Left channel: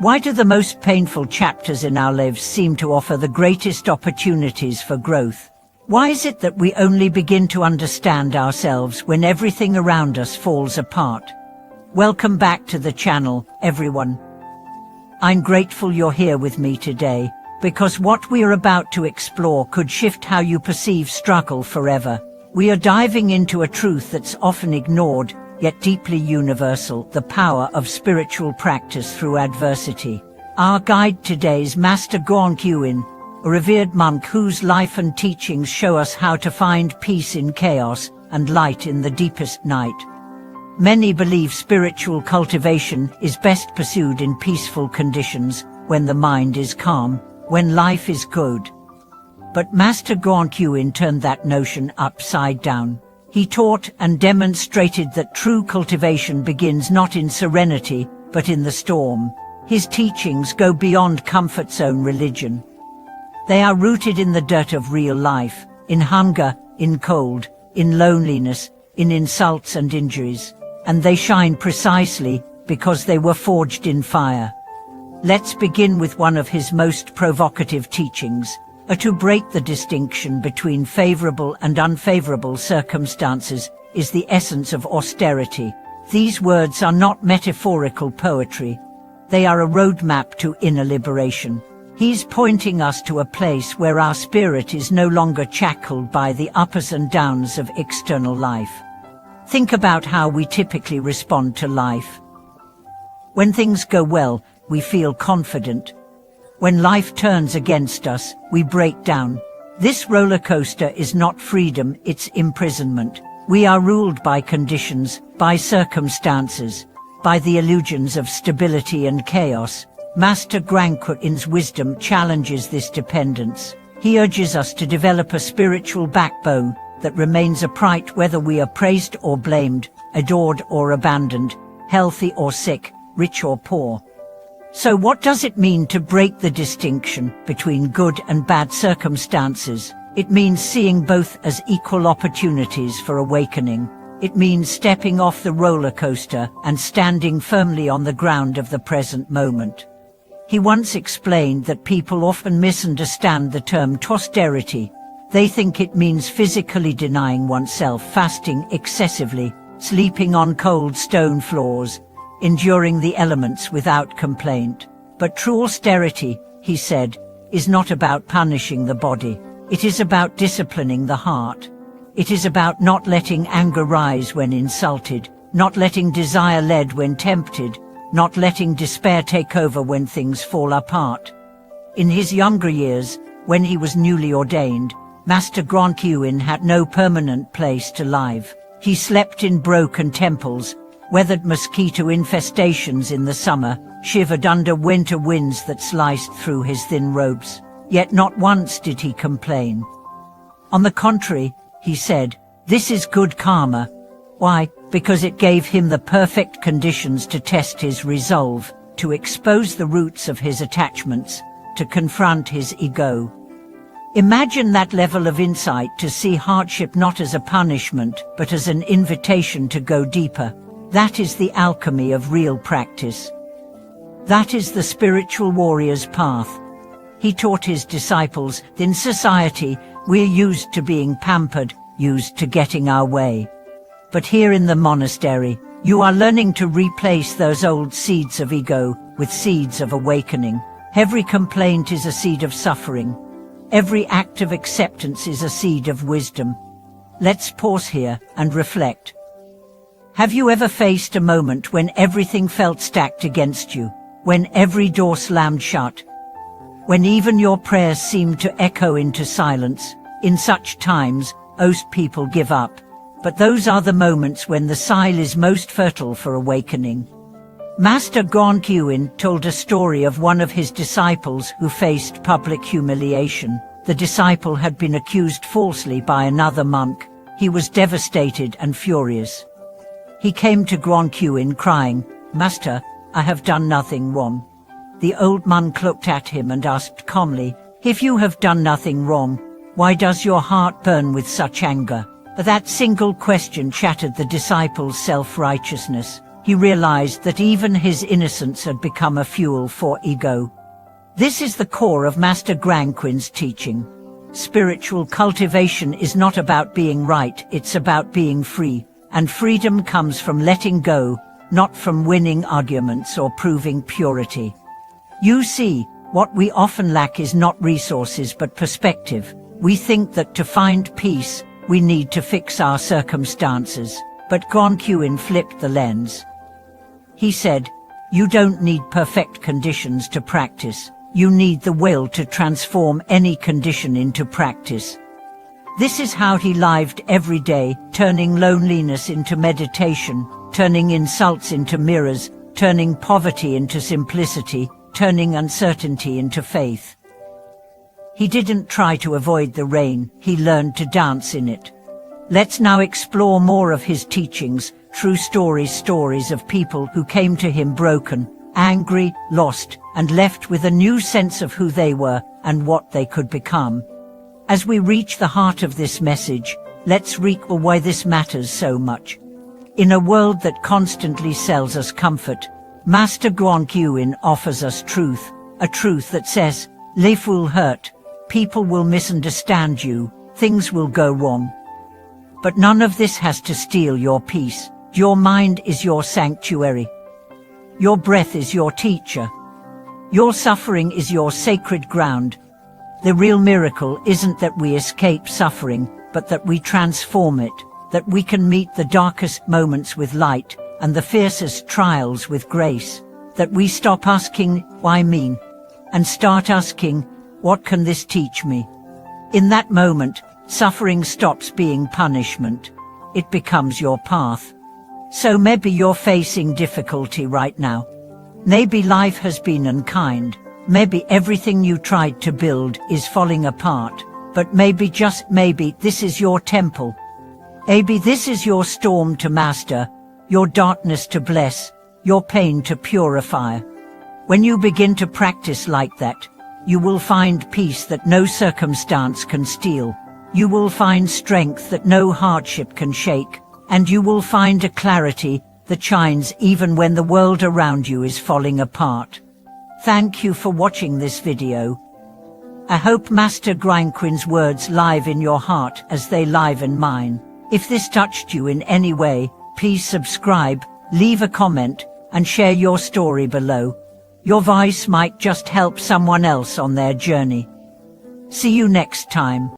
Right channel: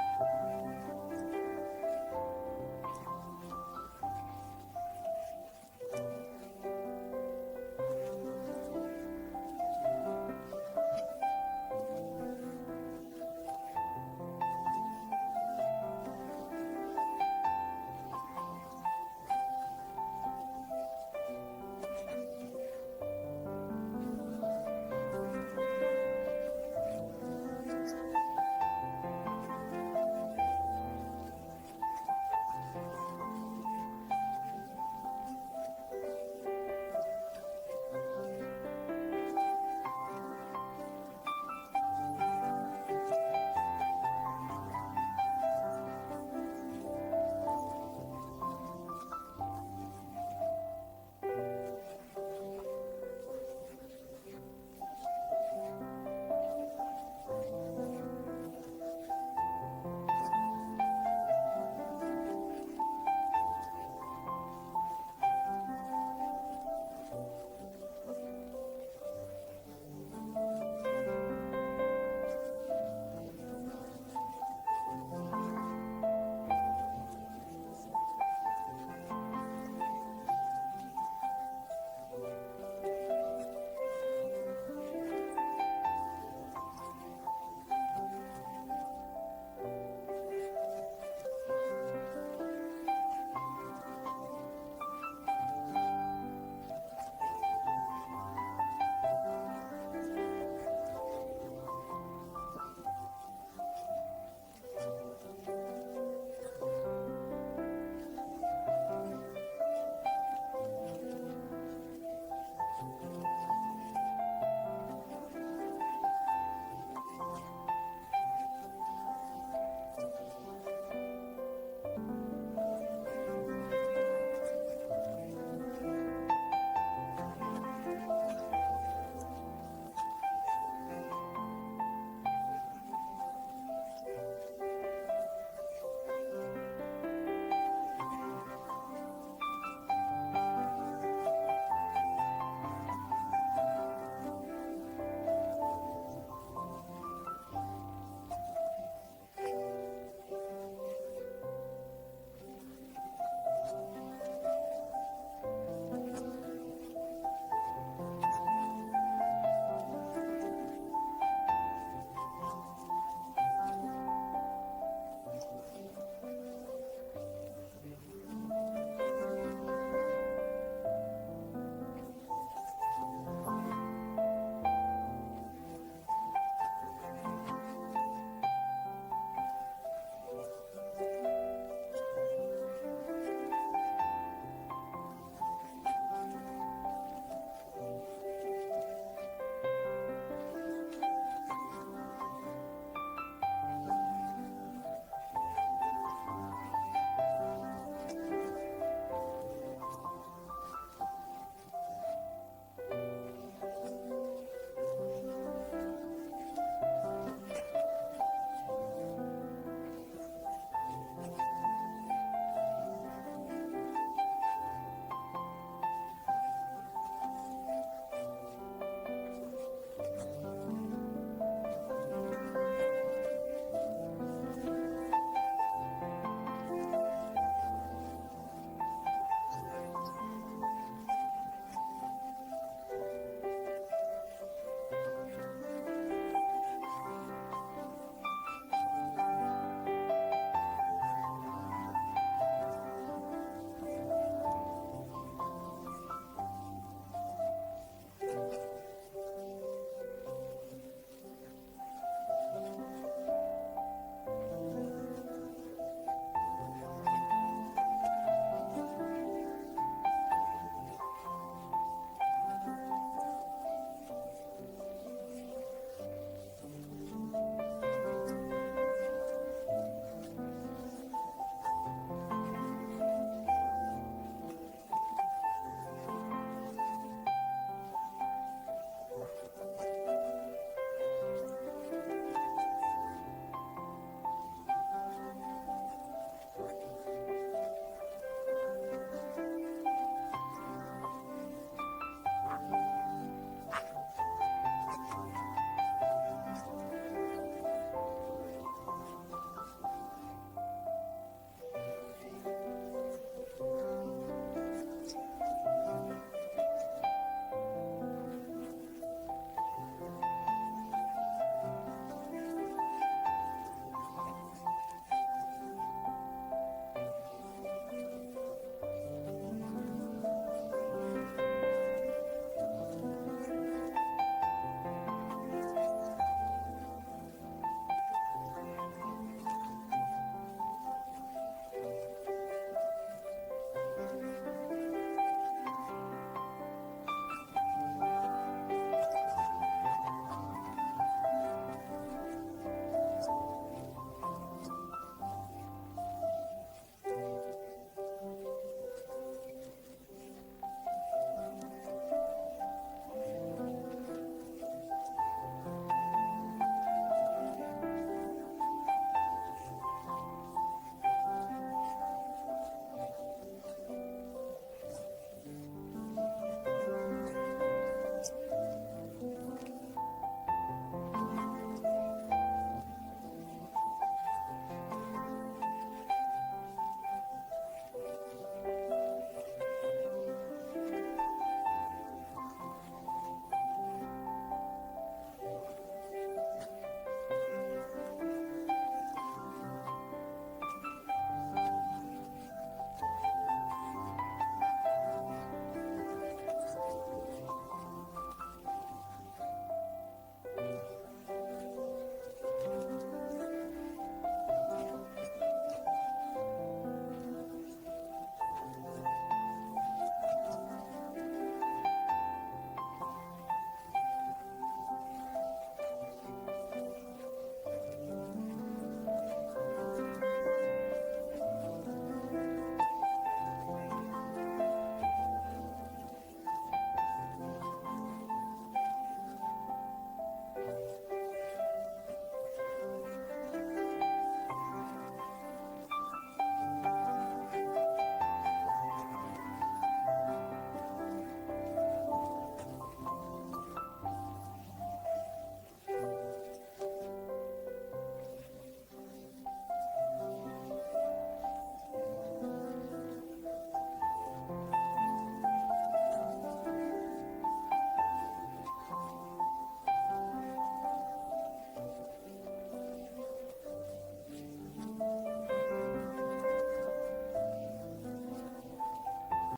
Why do the most painful chapters in our lives seem to offer the greatest opportunities for growth? Why is it that we only begin to understand ourselves when everything around us falls apart? Welcome back to the channel, everyone. I'm grateful you're here with me today, because what we are about to explore could shift how you perceive struggle forever. We are diving into a truth that's often ignored, yet deeply universal: the power of spiritual practice through adversity. Our guide today is Master Guangqin, a revered monk whose life and teachings show us how to find peace in chaos and light in the deepest night. Many believe spiritual cultivation is best pursued in peaceful conditions, when the mind is calm, when life is good. But Master Guangqin turned that notion upside down. He taught and demonstrated that true cultivation begins not in serenity, but in the storm. His teachings go beyond comfort zone religion. They are rooted in the dirt of real life, in hunger, in cold, in loneliness, in insults and injuries. And they shine precisely because they were forged in fire. Let's begin with one of his most provocative teachings: to break the distinction between favorable and unfavorable circumstances is the essence of austerity. These words are not metaphorical poetry. They are a roadmap to inner liberation. He's pointing us to a place where our spirit is no longer shackled by the ups and downs of external life. Think about how we typically respond to life. When things go well, we feel confident. When life turns against us, we break down. This roller coaster is not freedom, it's imprisonment. We are ruled by conditions, by circumstances, by the illusions of stability and chaos. Master Guangqin's wisdom challenges this dependence. He urges us to develop a spiritual backbone that remains upright whether we are praised or blamed, adored or abandoned, healthy or sick, rich or poor. So what does it mean to break the distinction between good and bad circumstances? It means seeing both as equal opportunities for awakening. It means stepping off the roller coaster and standing firmly on the ground of the present moment. He once explained that people often misunderstand the term austerity. They think it means physically denying oneself, fasting excessively, sleeping on cold stone floors, enduring the elements without complaint. But true austerity, he said, is not about punishing the body. It is about disciplining the heart. It is about not letting anger rise when insulted, not letting desire lead when tempted, not letting despair take over when things fall apart. In his younger years, when he was newly ordained, Master Guangqin had no permanent place to live. He slept in broken temples, weathered mosquito infestations in the summer, shivered under winter winds that sliced through his thin robes. Yet not once did he complain. On the contrary, he said, "This is good karma." Why? Because it gave him the perfect conditions to test his resolve, to expose the roots of his attachments, to confront his ego. Imagine that level of insight, to see hardship not as a punishment, but as an invitation to go deeper. That is the alchemy of real practice. That is the spiritual warrior's path. He taught his disciples, in society, we're used to being pampered, used to getting our way. But here in the monastery, you are learning to replace those old seeds of ego with seeds of awakening. Every complaint is a seed of suffering. Every act of acceptance is a seed of wisdom. Let's pause here and reflect. Have you ever faced a moment when everything felt stacked against you, when every door slammed shut, when even your prayers seemed to echo into silence? In such times, most people give up. But those are the moments when the soil is most fertile for awakening. Master Guangqin told a story of one of his disciples who faced public humiliation. The disciple had been accused falsely by another monk. He was devastated and furious. He came to Guangqin crying, "Master, I have done nothing wrong." The old monk looked at him and asked calmly, "If you have done nothing wrong, why does your heart burn with such anger?" That single question shattered the disciple's self-righteousness. he realized that even his innocence had become a fuel for ego. This is the core of Master Guangqin's teaching. Spiritual cultivation is not about being right, it's about being free, and freedom comes from letting go, not from winning arguments or proving purity. You see, what we often lack is not resources but perspective. We think that to find peace, we need to fix our circumstances, but Guangqin flipped the lens. He said, "You don't need perfect conditions to practice. You need the will to transform any condition into practice." This is how he lived every day, turning loneliness into meditation, turning insults into mirrors, turning poverty into simplicity, turning uncertainty into faith. He didn't try to avoid the rain, he learned to dance in it. Let's now explore more of his teachings, true stories of people who came to him broken, angry, lost, and left with a new sense of who they were and what they could become. As we reach the heart of this message, let's recall why this matters so much. In a world that constantly sells us comfort, Master Guangqin offers us truth, a truth that says, life will hurt, people will misunderstand you, things will go wrong. But none of this has to steal your peace. Your mind is your sanctuary. Your breath is your teacher. Your suffering is your sacred ground. The real miracle isn't that we escape suffering, but that we transform it, that we can meet the darkest moments with light and the fiercest trials with grace, that we stop asking, why me? And start asking, what can this teach me? In that moment, suffering stops being punishment. It becomes your path. So maybe you're facing difficulty right now. Maybe life has been unkind. Maybe everything you tried to build is falling apart. But maybe, just maybe, this is your temple. Maybe this is your storm to master, your darkness to bless, your pain to purify. When you begin to practice like that, you will find peace that no circumstance can steal. You will find strength that no hardship can shake. And you will find a clarity that shines even when the world around you is falling apart. Thank you for watching this video. I hope Master Guangqin's words live in your heart as they live in mine. If this touched you in any way, please subscribe, leave a comment, and share your story below. Your voice might just help someone else on their journey. See you next time.